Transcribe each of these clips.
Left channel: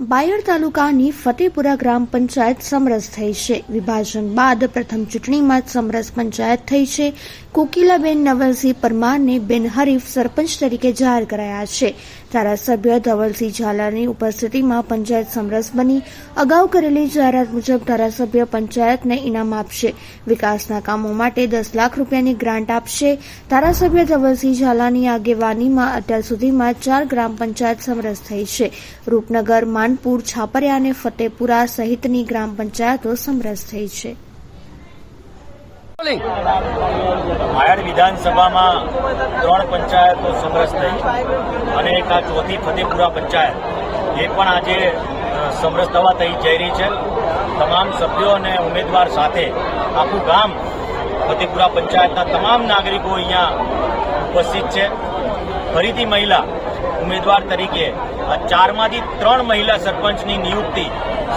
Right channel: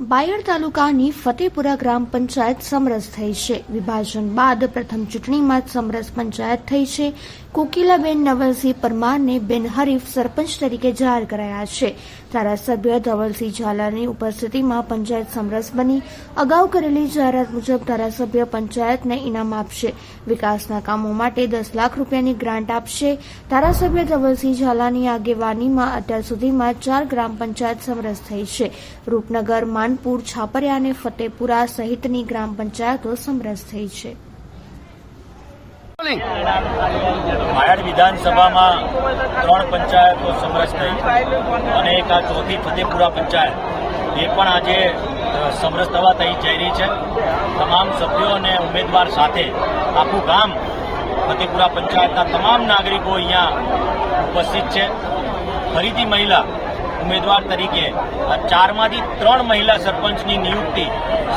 બાયડ તાલુકાની ફતેપુરા ગ્રામ પંચાયત સમરસ થઈ છે। વિભાજન બાદ પ્રથમ ચૂંટણીમાં જ સમરસ પંચાયત થઈ છે। કોકિલાબેન નવલસિંહ પરમારને બિનહરીફ સરપંચ તરીકે જાહેર કરાયા છે। ધારાસભ્ય ધવલસિંહ ઝાલાની ઉપસ્થિતિમાં પંચાયત સમરસ બની। અગાઉ કરેલી જાહેરાત મુજબ ધારાસભ્ય પંચાયતને ઇનામ આપશે। વિકાસના કામો માટે 10 લાખ રૂપિયાની ગ્રાન્ટ આપશે। ધારાસભ્ય ધવલસિંહ ઝાલાની આગેવાનીમાં અત્યાર સુધીમાં 4 ગ્રામ પંચાયત સમરસ થઈ છે। રૂપનગર, માનપુર, છાપરિયા અને ફતેપુરા સહિતની ગ્રામ પંચાયતો સમરસ થઈ છે। બાયડ વિધાનસભામાં 3 પંચાયતો સમરસ થઈ અને એક આ ચોથી ફતેપુરા પંચાયત એ પણ આજે સમરસ થવા થઈ જઈ રહી છે। તમામ સભ્યો અને ઉમેદવાર સાથે આખું ગામ ફતેપુરા પંચાયતના તમામ નાગરિકો અહીંયા ઉપસ્થિત છે। ફરીથી મહિલા ઉમેદવાર તરીકે આ 4માંથી 3 મહિલા સરપંચની નિયુક્તિ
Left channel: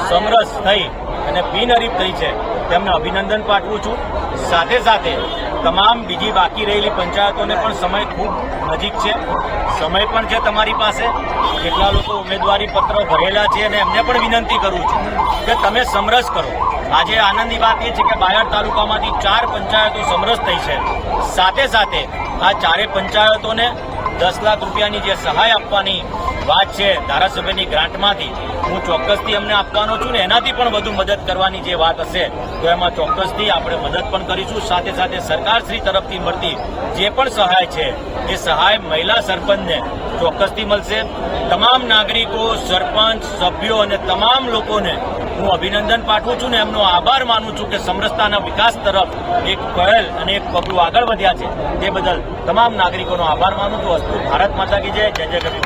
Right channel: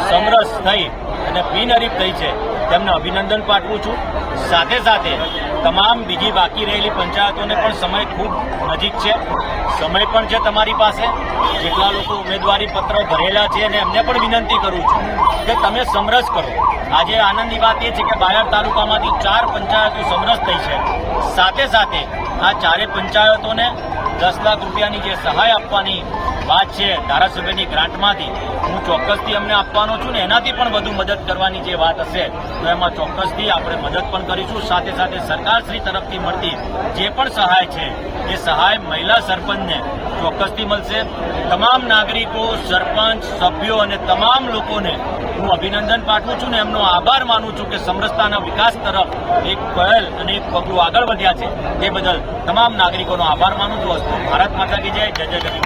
સમરસ થઈ અને બિનહરીફ થઈ છે, તેમને અભિનંદન પાઠવું છું। સાથે સાથે તમામ બીજી બાકી રહેલી પંચાયતોને પણ સમય ખૂબ નજીક છે, સમય પણ છે તમારી પાસે। જેટલા લોકો ઉમેદવારી પત્રો ભરેલા છે અને એમને પણ વિનંતી કરું છું કે તમે સમરસ કરો। આજે આનંદની વાત એ છે કે બાયડ તાલુકામાંથી 4 પંચાયતો સમરસ થઈ છે। સાથે સાથે આ 4 પંચાયતોને 10 લાખ રૂપિયાની જે સહાય આપવાની વાત છે ધારાસભ્યની ગ્રાન્ટમાંથી, હું ચોક્કસથી અમને આપવાનો છું ને એનાથી પણ વધુ મદદ કરવાની જે વાત હશે તો એમાં ચોક્કસથી આપણે મદદ પણ કરીશું। સાથે સાથે સરકારશ્રી તરફથી મળતી જે પણ સહાય છે એ સહાય મહિલા સરપંચને ચોક્કસથી મળશે। તમામ નાગરિકો, સરપંચ, સભ્યો અને તમામ લોકોને હું અભિનંદન પાઠવું છું ને એમનો આભાર માનું છું કે સમરસતાના વિકાસ તરફ એક પહેલ અને એક પગલું આગળ વધ્યા છે। તે બદલ તમામ નાગરિકોનો આભાર માનું છું। અસ્તુ ભારત માતા કી જય, જય જય ગરીબ।